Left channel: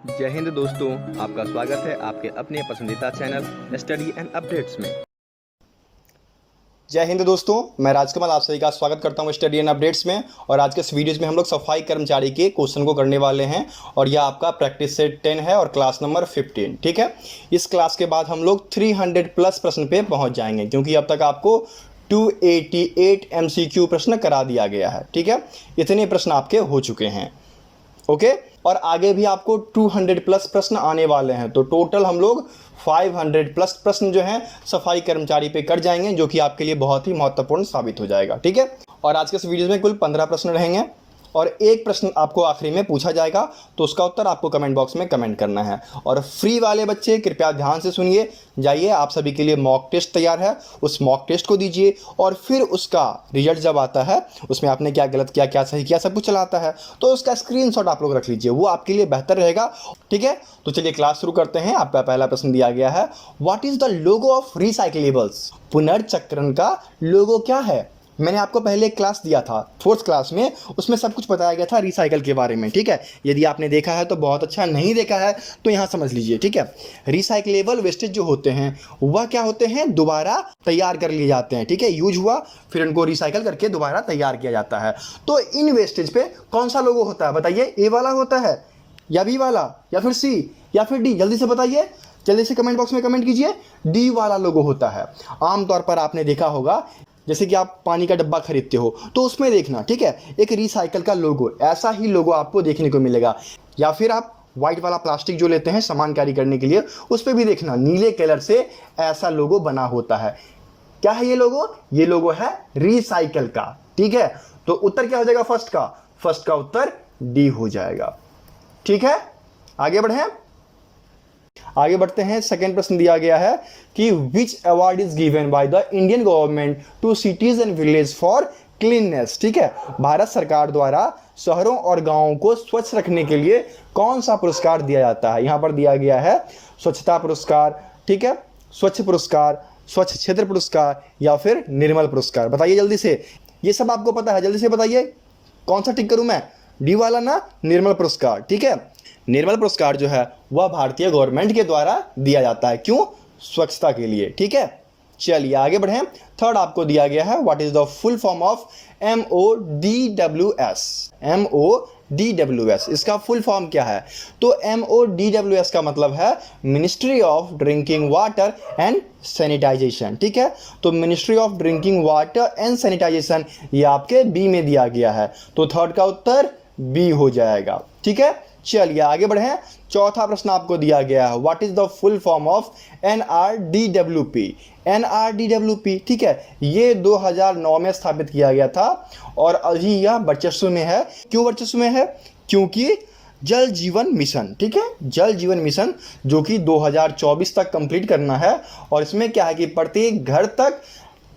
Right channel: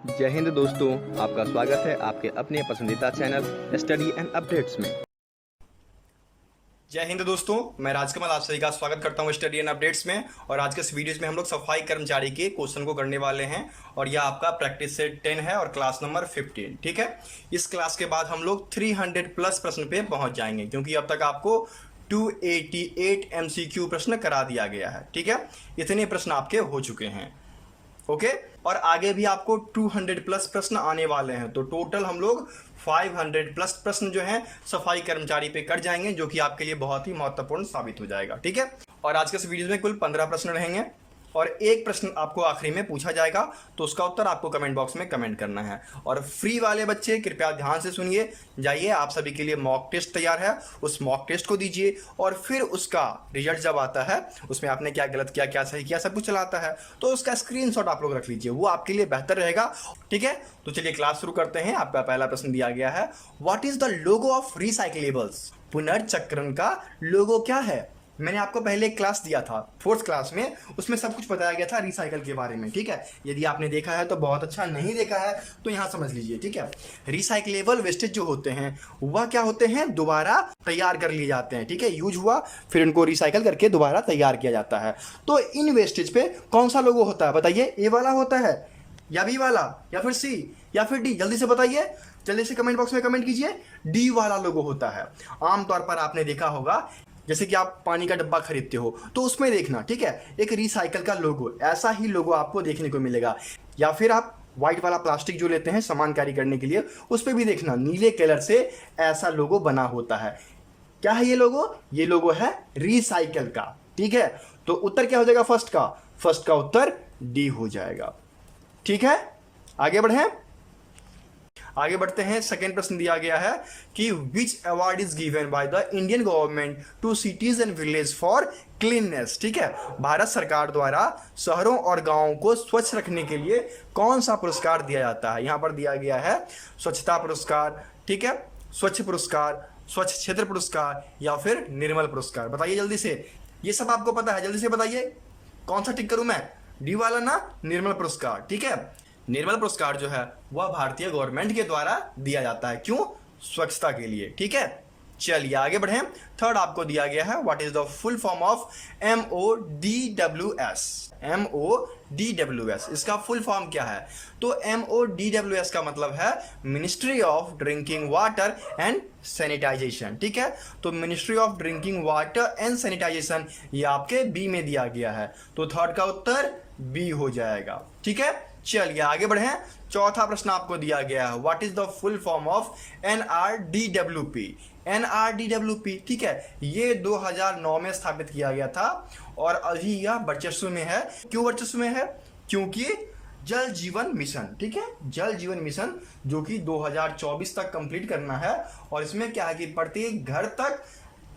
जय हिंद दोस्तों, आपका स्वागत है आपके अपने पसंदीदा चैनल स्टडी एंड अपडेट्स में। जय हिंद दोस्तों, मैं राजकमल आप सभी का स्वागत करता हूं स्टडी एंड अपडेट्स में। और आज के इस वीडियोज़ में हम लोग सफाई कर्मचारी के क्वेश्चन को करने वाले हैं और यह आपका प्रैक्टिस सेट 10 है और क्लास नंबर 15। ठीक है, इस क्लास के बाद हम लोग 300 प्लस प्रश्न पे पहुंच जाएंगे, क्योंकि अब तक आपको 288 MCQ प्रश्न करा दिया गया है। ठीक है, इतने प्रश्न आपके हो चुके हैं। ओके, और आगे भी आपको 200 प्लस प्रश्न आने वाले हैं, तो टोटल हम लोग 500 प्लस प्रश्न जो हैं सफाई कर्मचारी पे कर जाएंगे, जो कि आपके लिए बहुत ही महत्वपूर्ण साबित हो जाएगा। ठीक है, और आज के इस वीडियो में कुल 15 प्रश्न रहेंगे और एक प्रश्न आपको आखिरी में पूछा जाएगा, तो उसका उत्तर आपको कमेंट बॉक्स में कमेंट करना है। और फ्री वाले बच्चे कृपया ध्यान से सुनिए, जाइए आप सभी के लिए मॉक टेस्ट तैयार है, उस मॉक टेस्ट को दीजिए और फिर उसका रिजल्ट जब आता है उसमें आपने क्या गलत किया क्या सही किया सब कुछ चला आता है, तो उसका स्क्रीनशॉट आप लोग रख लीजिए, वो आपके लिए बेहतर रहेगा। ठीक है, तो चलिए क्लास शुरू करते हैं। आपका पहला प्रश्न दिया गया है, what is the logo of recyclables? पुनर्चक्रण का लोगो क्या है? मैंने आपको पहले एक क्लास दिया था 4th क्लास में, उसमें सब कुछ बताया गया था रिसाइकल के बारे में। ठीक है, यदि आपने देखा है तो बहुत अच्छा, नहीं देखा है तो यहाँ समझ लीजिए। ठीक है, रिसाइक्लेबल वेस्टेज जो होते हैं वह क्या होते हैं? दोबारा तैयार कर लिए जाते हैं। ठीक है, यूज हुआ फिर उनको रिसाइकल करके दोबारा तैयार किया जाता है। तो इन वेस्टेज पे कौन सा लोगो होता है बताइए? ए वाला होता है या बी वाला या फिर सी या फिर डी? जल्दी से बताइए, जल्दी से कमेंट बॉक्स में कमेंट कीजिए। डी वाला लोगो होता है। आमतौर पर आपने देखा होगा, जैसे कि आप पानी का डब्बा खरीदते हो तो उसमें देखना, ठीक है, एक रिसाइकल का लोगो, ऐसा ही लोगो आपको देखने को मिलेगा। या फिर आप व्हाइट वाला प्लास्टिक जो लेते हैं सामान कैरी करने के लिए, उस पर भी देखना नीले कलर से ऐसा लोगो बना होता है। क्या है ये लोगो? ये लोगो है रिसाइकल का। ठीक है, तो उत्तर क्या हो जाएगा फर्स्ट का? फर्स्ट का उत्तर डी हो जाएगा। ठीक है, आगे बढ़ें। आगे बढ़ते हैं। सेकेंड प्रश्न दिया गया है कि which award is given by the Indian government to cities and village for cleanness? ठीक है, भारत सरकार द्वारा शहरों और गांवों को स्वच्छ रखने के लिए कौन सा पुरस्कार दिया जाता है? यहां पर दिया गया है स्वच्छता पुरस्कार, ठीक है, स्वच्छ पुरस्कार, स्वच्छ क्षेत्र पुरस्कार या फिर निर्मल पुरस्कार। बताइए जल्दी से, ये सब आपको पता है, जल्दी से बताइए कौन सा टिक करूं मैं? डी वाला ना, निर्मल पुरस्कार। ठीक है, निर्मल पुरस्कार जो है वह भारतीय गवर्नमेंट के द्वारा दिया जाता है। क्यों? स्वच्छता के लिए। ठीक है, चलिए आगे बढ़ें। थर्ड आपको दिया गया है, what is the full form of MODWS? MODWS इसका फुल फॉर्म क्या है? तो MODWS का मतलब है ministry of drinking water and sanitization. ठीक है, तो ministry of drinking water and sanitization ये आपके बी में दिया गया है, तो थर्ड का उत्तर बी हो जाएगा। ठीक है, चलिए आगे बढ़ें। चौथा प्रश्न आपको दिया गया है, what is the full form of NRDWP? NRDWP, ठीक है, ये 2009 में स्थापित किया गया था और अभी यह वर्चस्व में है। क्यों वर्चस्व में है? क्योंकि जल जीवन मिशन, ठीक है, जल जीवन मिशन जो कि 2024 तक कंप्लीट करना है, और इसमें क्या है कि प्रत्येक घर तक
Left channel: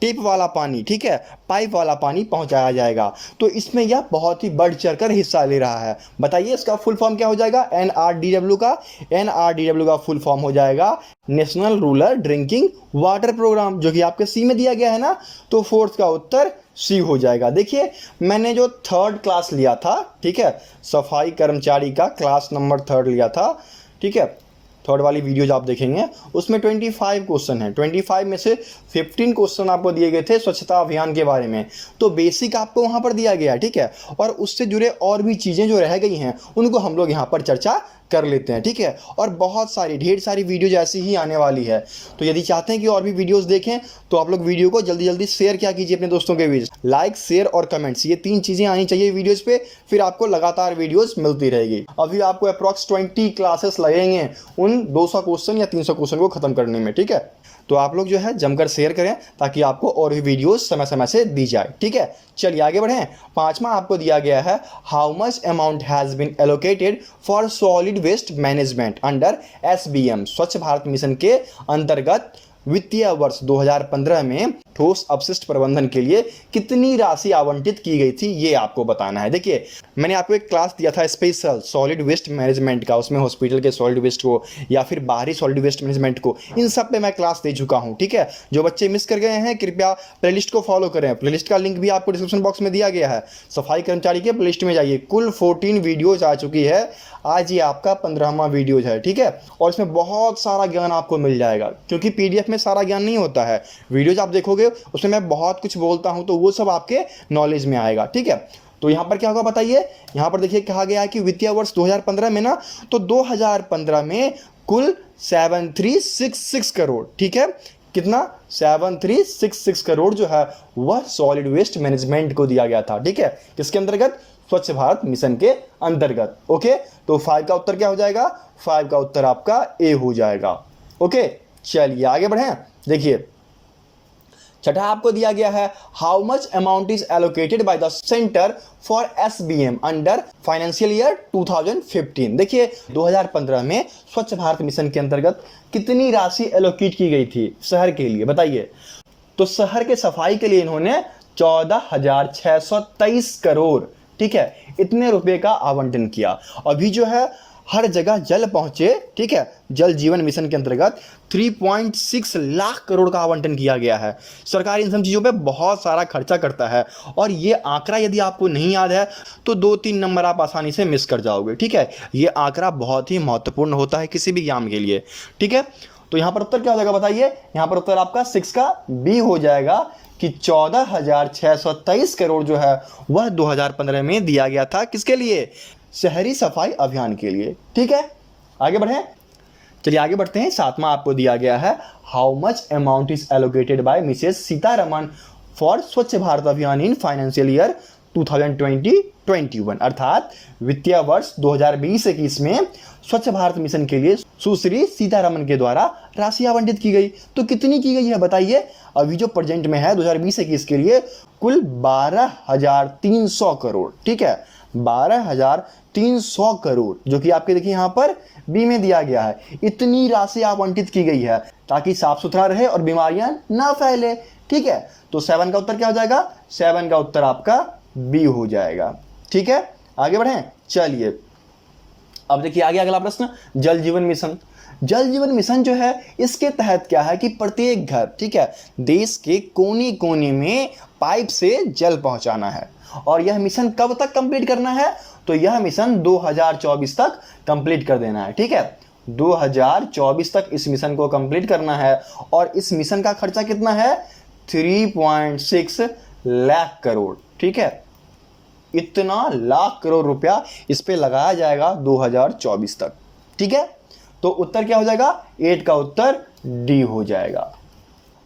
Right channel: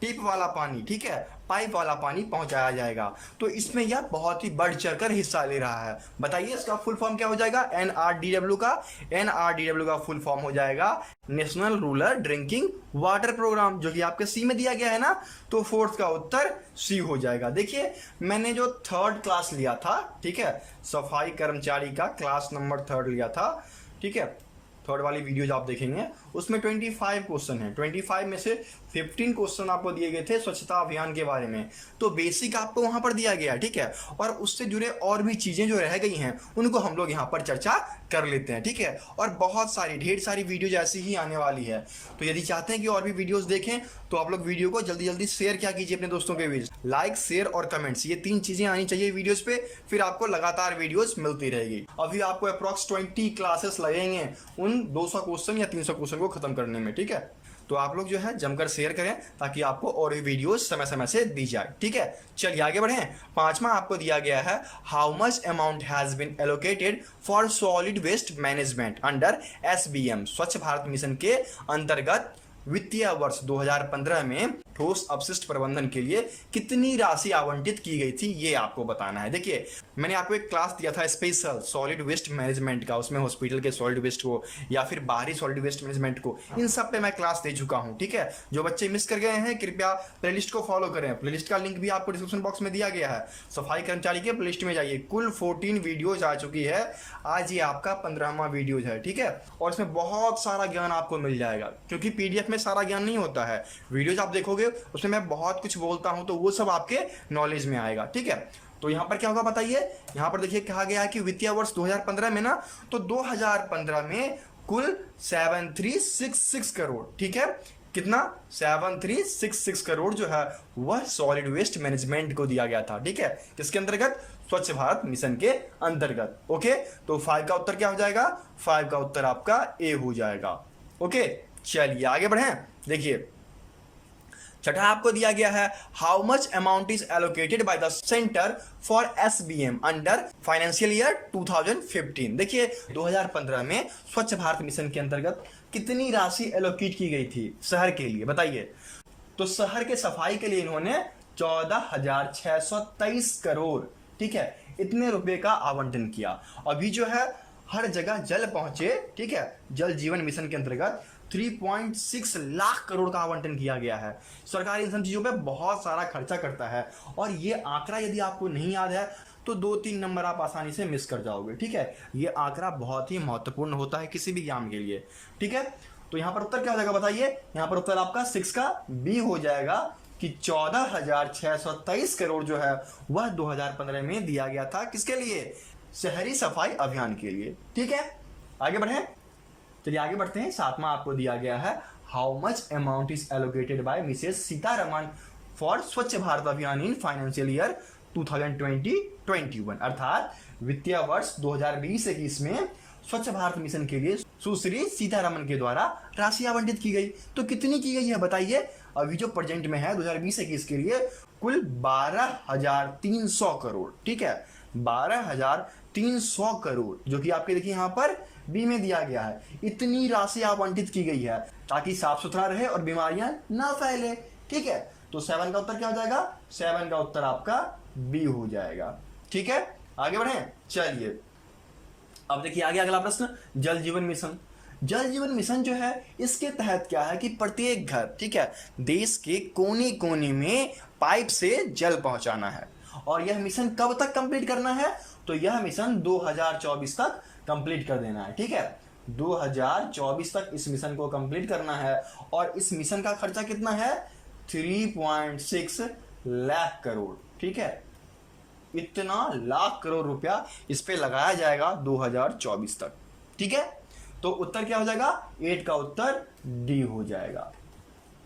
टेप वाला पानी, ठीक है, पाइप वाला पानी पहुंचाया जाएगा। तो इसमें यह बहुत ही बढ़ चढ़कर हिस्सा ले रहा है। बताइए इसका फुल फॉर्म क्या हो जाएगा? NRDW का, NRDW का फुल फॉर्म हो जाएगा national rural drinking water programme, जो कि आपके सी में दिया गया है ना, तो फोर्थ का उत्तर सी हो जाएगा। देखिए मैंने जो थर्ड क्लास लिया था, ठीक है, सफाई कर्मचारी का क्लास नंबर 3 लिया था, ठीक है, थर्ड वाली वीडियोज आप देखेंगे उसमें 25 क्वेश्चन है। 25 में से 15 क्वेश्चन आपको दिए गए थे स्वच्छता अभियान के बारे में, तो बेसिक आपको वहां पर दिया गया। ठीक है, और उससे जुड़े और भी चीज़ें जो रह गई हैं उनको हम लोग यहाँ पर चर्चा कर लेते हैं। ठीक है, और बहुत सारी ढेर सारी वीडियोज ऐसी ही आने वाली है, तो यदि चाहते हैं कि और भी वीडियोस देखें तो आप लोग वीडियो को जल्दी जल्दी शेयर क्या कीजिए अपने दोस्तों के बीच। लाइक, शेयर और कमेंट्स, ये 3 चीज़ें आनी चाहिए वीडियोस पे, फिर आपको लगातार वीडियोस मिलती रहेगी। अभी आपको अप्रॉक्स 20 क्लासेस लगेंगे उन 200 क्वेश्चन या 300 क्वेश्चन को खत्म करने में। ठीक है, तो आप लोग जो है जमकर शेयर करें ताकि आपको और भी वीडियोस समय समय से दी जाए। ठीक है, चलिए आगे बढ़ें। पांचवा आपको दिया गया है, how much amount has been allocated for solid waste management under SBM? Swachh Bharat mission के अंतर्गत वित्तीय वर्ष 2015 में ठोस अपशिष्ट प्रबंधन के लिए कितनी राशि आवंटित की गई थी, ये आपको बताना है। देखिए मैंने आपको एक क्लास दिया था स्पेशल सॉलिड वेस्ट मैनेजमेंट का, उसमें हॉस्पिटल के सॉलिड वेस्ट को या फिर बाहरी सॉलिड वेस्ट मैनेजमेंट को, इन सब पे मैं क्लास दे चुका हूँ। ठीक है, जो बच्चे मिस कर गए हैं कृपया प्लेलिस्ट को फॉलो करें, प्लेलिस्ट का लिंक भी आपको डिस्क्रिप्शन बॉक्स में दिया गया है। सफाई कर्मचारी के प्लेलिस्ट में जाइए, कुल 14 वीडियोज आ चुकी है, आज ये आपका 15वां वीडियो है, ठीक है। और इसमें बहुत सारा ज्ञान आपको मिल जाएगा, क्योंकि पीडीएफ में सारा ज्ञान नहीं होता है। वीडियोज आप देखोगे उसमें मैं बहुत कुछ बोलता हूँ, तो वो सब आपके नॉलेज में आएगा, ठीक है। तो यहाँ पर क्या होगा बताइए, यहाँ पर देखिए कहा गया है कि वित्तीय वर्ष 2015 में ना, तो 2015 में कुल 7366 करोड़, ठीक है, कितना 7366 करोड़ जो है वह सॉलिड वेस्ट मैनेजमेंट को दिया गया था, ठीक है। किसके अंतर्गत? स्वच्छ भारत मिशन के अंतर्गत। ओके, तो 5 का उत्तर क्या हो जाएगा? 5 का उत्तर आपका ए हो जाएगा। ओके, चलिए आगे बढ़ें। देखिए छठा आपको दिया गया है, how much amount is allocated by the centre for SBM under financial year 2015। देखिए 2015 में स्वच्छ भारत मिशन के अंतर्गत कितनी राशि एलोकेट की गई थी शहर के लिए, बताइए। तो शहर के सफाई के लिए इन्होंने 14,623 करोड़, ठीक है, इतने रुपए का आवंटन किया। अभी जो है हर जगह जल पहुंचे, ठीक है, जल जीवन मिशन के अंतर्गत 3.6 लाख करोड़ का आवंटन किया गया है। सरकार इन सब चीज़ों पे बहुत सारा खर्चा करता है, और ये आंकड़ा यदि आपको नहीं याद है तो 2-3 नंबर आप आसानी से मिस कर जाओगे, ठीक है। ये आंकड़ा बहुत ही महत्वपूर्ण होता है किसी भी एग्जाम के लिए, ठीक है। तो यहाँ पर उत्तर क्या हो जाएगा बताइए, यहाँ पर उत्तर आपका 6 का बी हो जाएगा कि 14,623 करोड़ जो है वह 2015 में दिया गया था। किसके लिए? शहरी सफाई अभियान के लिए, ठीक है। आगे बढ़ें, चलिए आगे बढ़ते हैं। 7वां आपको दिया गया है, how much amount is allocated by Mrs Sitharaman for स्वच्छ भारत अभियान इन फाइनेंशियल ईयर 2020-21, अर्थात वित्तीय वर्ष 2020-21 में स्वच्छ भारत मिशन के लिए सुश्री सीतारमण के द्वारा राशि आवंटित की गई। तो कितनी की गई है बताइए? अभी जो प्रेजेंट में है 2020-21 के लिए कुल 12,300 करोड़, ठीक है, 12,300 करोड़, जो कि आपके देखिए यहाँ पर बी में दिया गया है। इतनी राशि आवंटित की गई है ताकि साफ सुथरा रहे और बीमारियां ना फैले, ठीक है। तो 7 का उत्तर क्या हो जाएगा? 7 का उत्तर आपका बी हो जाएगा, ठीक है। आगे बढ़ें, चलिए अब देखिए आगे अगला प्रश्न, जल जीवन मिशन। जल जीवन मिशन जो है इसके तहत क्या है कि प्रत्येक घर, ठीक है, देश के कोने कोने में पाइप से जल पहुंचाना है। और यह मिशन कब तक कंप्लीट करना है? तो यह मिशन 2024 तक कंप्लीट कर देना है, ठीक है। 2024 तक इस मिशन को कंप्लीट करना है, और इस मिशन का खर्चा कितना है? 3.6 लाख करोड़, ठीक है। इतना लाख करोड़ रुपया इस पे लगाया जाएगा 2024 तक, ठीक है। तो उत्तर क्या हो जाएगा? 8 का उत्तर डी हो जाएगा।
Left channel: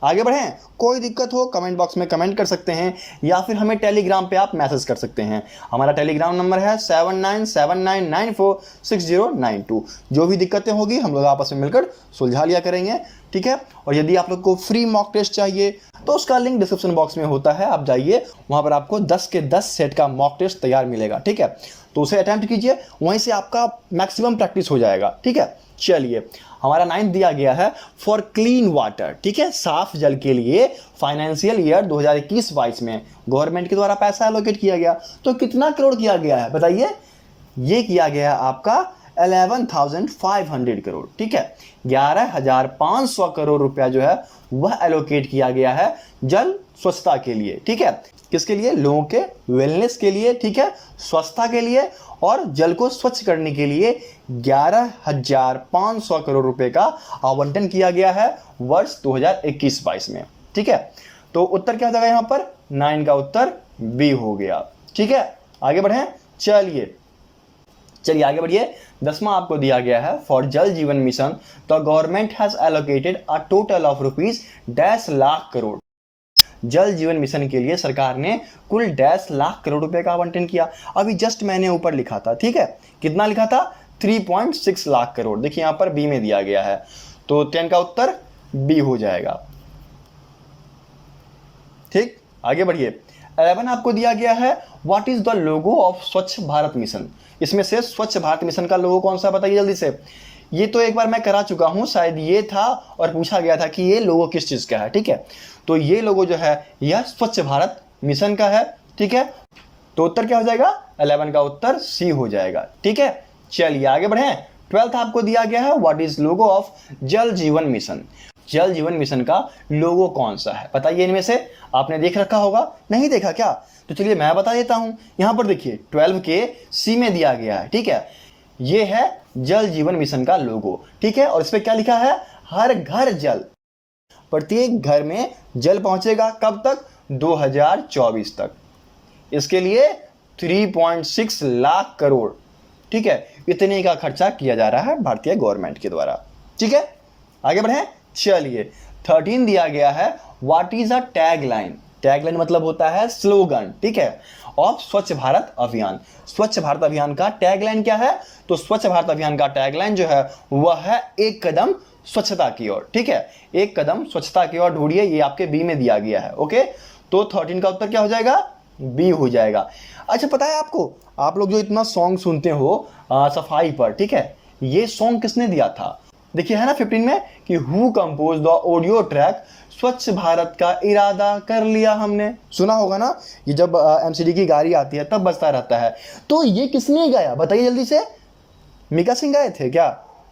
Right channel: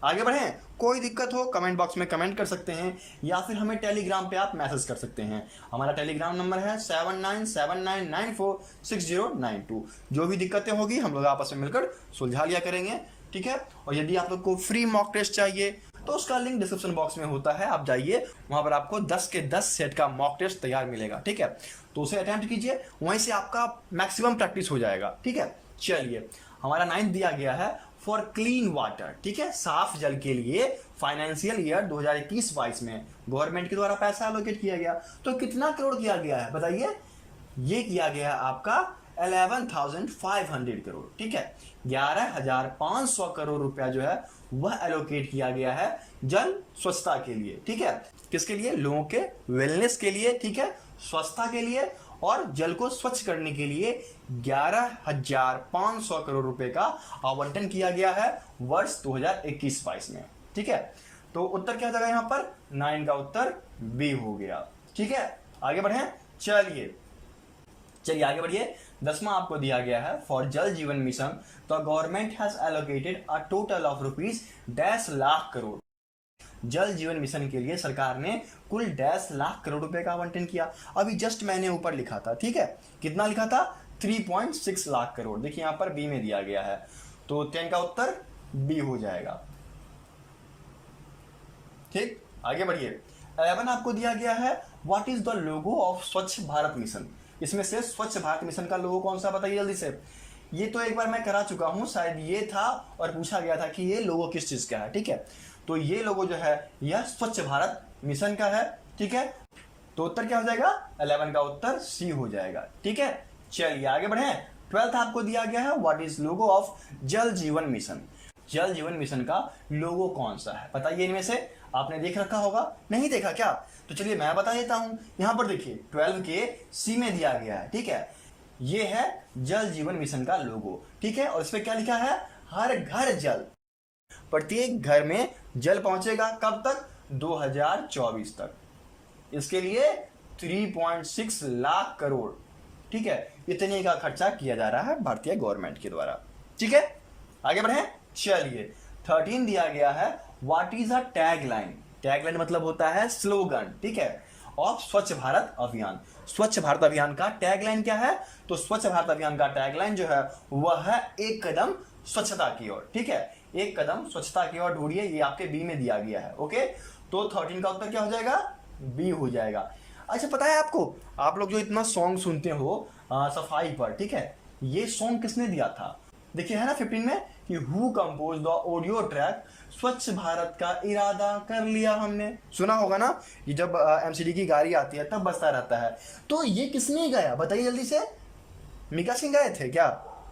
आगे बढ़ें, कोई दिक्कत हो कमेंट बॉक्स में कमेंट कर सकते हैं, या फिर हमें टेलीग्राम पे आप मैसेज कर सकते हैं। हमारा टेलीग्राम नंबर है 7979946092। जो भी दिक्कतें होगी हम लोग आपस में मिलकर सुलझा लिया करेंगे, ठीक है। और यदि आप लोग को फ्री मॉक टेस्ट चाहिए तो उसका लिंक डिस्क्रिप्शन बॉक्स में होता है, आप जाइए, वहाँ पर आपको 10 के 10 सेट का मॉक टेस्ट तैयार मिलेगा, ठीक है। तो उसे अटेम्प्ट कीजिए, वहीं से आपका मैक्सिमम प्रैक्टिस हो जाएगा, ठीक है। चलिए हमारा 9th दिया गया है, फॉर क्लीन वाटर, ठीक है, साफ जल के लिए फाइनेंशियल ईयर 2021-22 में गवर्नमेंट के द्वारा पैसा एलोकेट किया गया। तो कितना करोड़ किया गया है बताइए? ये किया गया है आपका 11,500 करोड़, ठीक है, 11,500 करोड़ रुपया जो है वह एलोकेट किया गया है जल स्वच्छता के लिए, ठीक है। किसके लिए? लोगों के वेलनेस के लिए, ठीक है, स्वच्छता के लिए, और जल को स्वच्छ करने के लिए 11,500 करोड़ रुपए का आवंटन किया गया है वर्ष 2021-22 में, ठीक है। तो उत्तर क्या हो जाएगा यहाँ पर? 9 का उत्तर बी हो गया, ठीक है। आगे बढ़ें, चलिए आगे बढ़िए। 10वां आपको दिया गया है, फॉर जल जीवन mission the government has allocated a total of ₹10 lakh crore. जल जीवन मिशन के लिए सरकार ने कुल 10 लाख करोड़ रुपए का आवंटन किया। अभी जस्ट मैंने ऊपर लिखा था, ठीक है, कितना लिखा था? 3.6 लाख करोड़। देखिए यहाँ पर बी में दिया गया है, तो 10 का उत्तर बी हो जाएगा, ठीक। आगे बढ़िए। 11 आपको दिया गया है, what is the logo of स्वच्छ भारत मिशन। इसमें से स्वच्छ भारत मिशन का लोगो कौन सा बताइए जल्दी से। ये तो एक बार मैं करा चुका हूं, शायद ये था, और पूछा गया था कि ये लोगो किस चीज का है, ठीक है। तो ये लोगो जो है यह स्वच्छ भारत मिशन का है, ठीक है। तो उत्तर क्या हो जाएगा? 11 का उत्तर सी हो जाएगा, ठीक है। चलिए आगे बढ़े। 12th आपको दिया गया है, व्हाट इज लोगो ऑफ जल जीवन मिशन। जल जीवन मिशन का लोगो कौन सा है बताइए? इनमें से आपने देख रखा होगा, नहीं देखा क्या? तो चलिए मैं बता देता हूं। यहां पर देखिए 12 के सी में दिया गया है, ठीक है, ये है जल जीवन मिशन का लोगो, ठीक है। और इस पे क्या लिखा है, हर घर जल, प्रत्येक घर में जल पहुंचेगा, कब तक, 2024 तक। इसके लिए 3.6 लाख करोड़, ठीक है, इतने का खर्चा किया जा रहा है भारतीय गवर्नमेंट के द्वारा, ठीक है। आगे बढ़े, चलिए 13 दिया गया है, what is a tagline. Tagline मतलब होता है स्लोगन, ठीक है, ऑफ स्वच्छ भारत अभियान। स्वच्छ भारत अभियान का टैगलाइन क्या है, तो स्वच्छ भारत अभियान का टैगलाइन जो है वह है एक कदम स्वच्छता की ओर, ठीक है, एक कदम स्वच्छता की ओर ढूंढिए, ये आपके बी में दिया गया है, ओके। तो 13 का उत्तर क्या हो जाएगा, बी हो जाएगा। अच्छा पता है आपको, आप लोग जो इतना सॉन्ग सुनते हो सफाई पर, ठीक है, ये सॉन्ग किसने दिया था, देखिए है ना 15 में कि who compose the audio track स्वच्छ भारत का इरादा कर लिया हमने, सुना होगा ना, ये जब एमसीडी की गाड़ी आती है तब बजता रहता है। तो ये किसने गाया बताइए जल्दी से, मीका सिंह गाए थे क्या,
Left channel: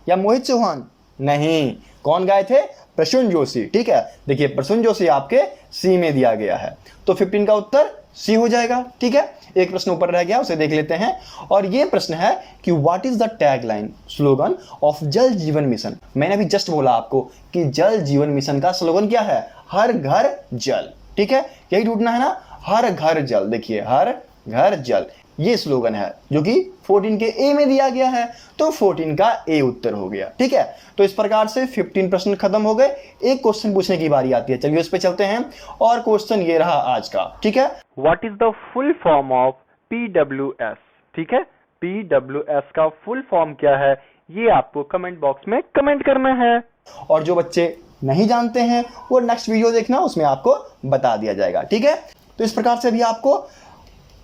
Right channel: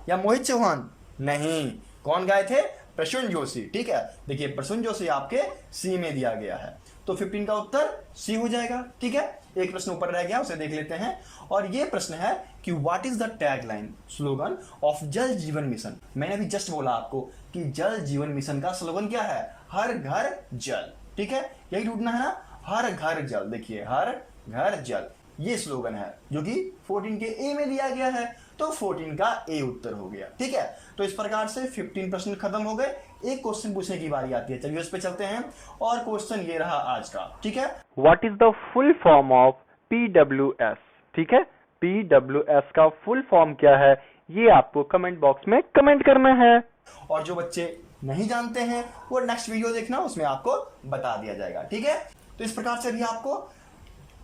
या मोहित चौहान, नहीं, कौन गाए थे, प्रसून जोशी, ठीक है। देखिए प्रसून जोशी आपके सी में दिया गया है, तो 15 का उत्तर सी हो जाएगा, ठीक है। एक प्रश्न ऊपर रह गया, उसे देख लेते हैं। और ये प्रश्न है कि what is the tagline slogan of जल जीवन मिशन। मैंने अभी जस्ट बोला आपको कि जल जीवन मिशन का स्लोगन क्या है, हर घर जल, ठीक है, यही ढूंढना है ना, हर घर जल। देखिए हर घर जल, ये स्लोगन है जो कि 14 के ए में दिया गया है, तो 14 का ए उत्तर हो गया, ठीक है। तो इस प्रकार से 15 प्रश्न खत्म हो गए, एक क्वेश्चन पूछने की बारी आती है, चलिए उस पे चलते हैं। और क्वेश्चन ये रहा आज का, ठीक है, What is the full form of PWS? ठीक है, PWS का फुल फॉर्म क्या है, ये आपको कमेंट बॉक्स में कमेंट करना है। और जो बच्चे नहीं जानते हैं वो नेक्स्ट वीडियो देखना, उसमें आपको बता दिया जाएगा, ठीक है। तो इस प्रकार से भी आपको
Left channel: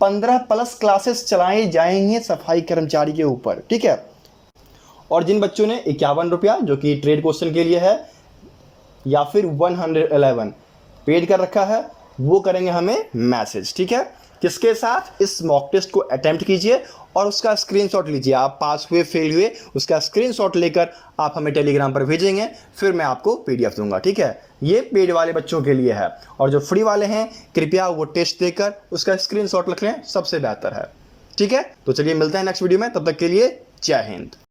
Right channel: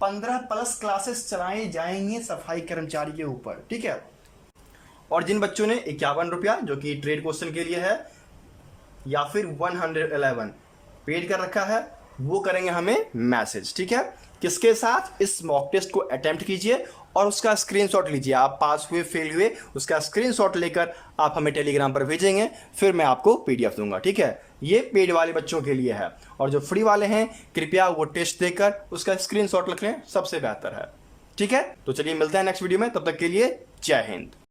15+ क्लासेस चलाए जाएंगे सफाई कर्मचारी के ऊपर, ठीक है। और जिन बच्चों ने 51 रुपया जो कि ट्रेड क्वेश्चन के लिए है, या फिर 111 पेड कर रखा है, वो करेंगे हमें मैसेज, ठीक है। किसके साथ, इस मॉक टेस्ट को अटेम्प्ट कीजिए और उसका स्क्रीनशॉट लीजिए, आप पास हुए फेल हुए उसका स्क्रीनशॉट लेकर आप हमें टेलीग्राम पर भेजेंगे, फिर मैं आपको पीडीएफ दूंगा, ठीक है। ये पेड वाले बच्चों के लिए है, और जो फ्री वाले हैं कृपया वो टेस्ट देकर उसका स्क्रीनशॉट रख लें, सबसे बेहतर है, ठीक है। तो चलिए मिलते हैं नेक्स्ट वीडियो में, तब तक के लिए जय हिंद।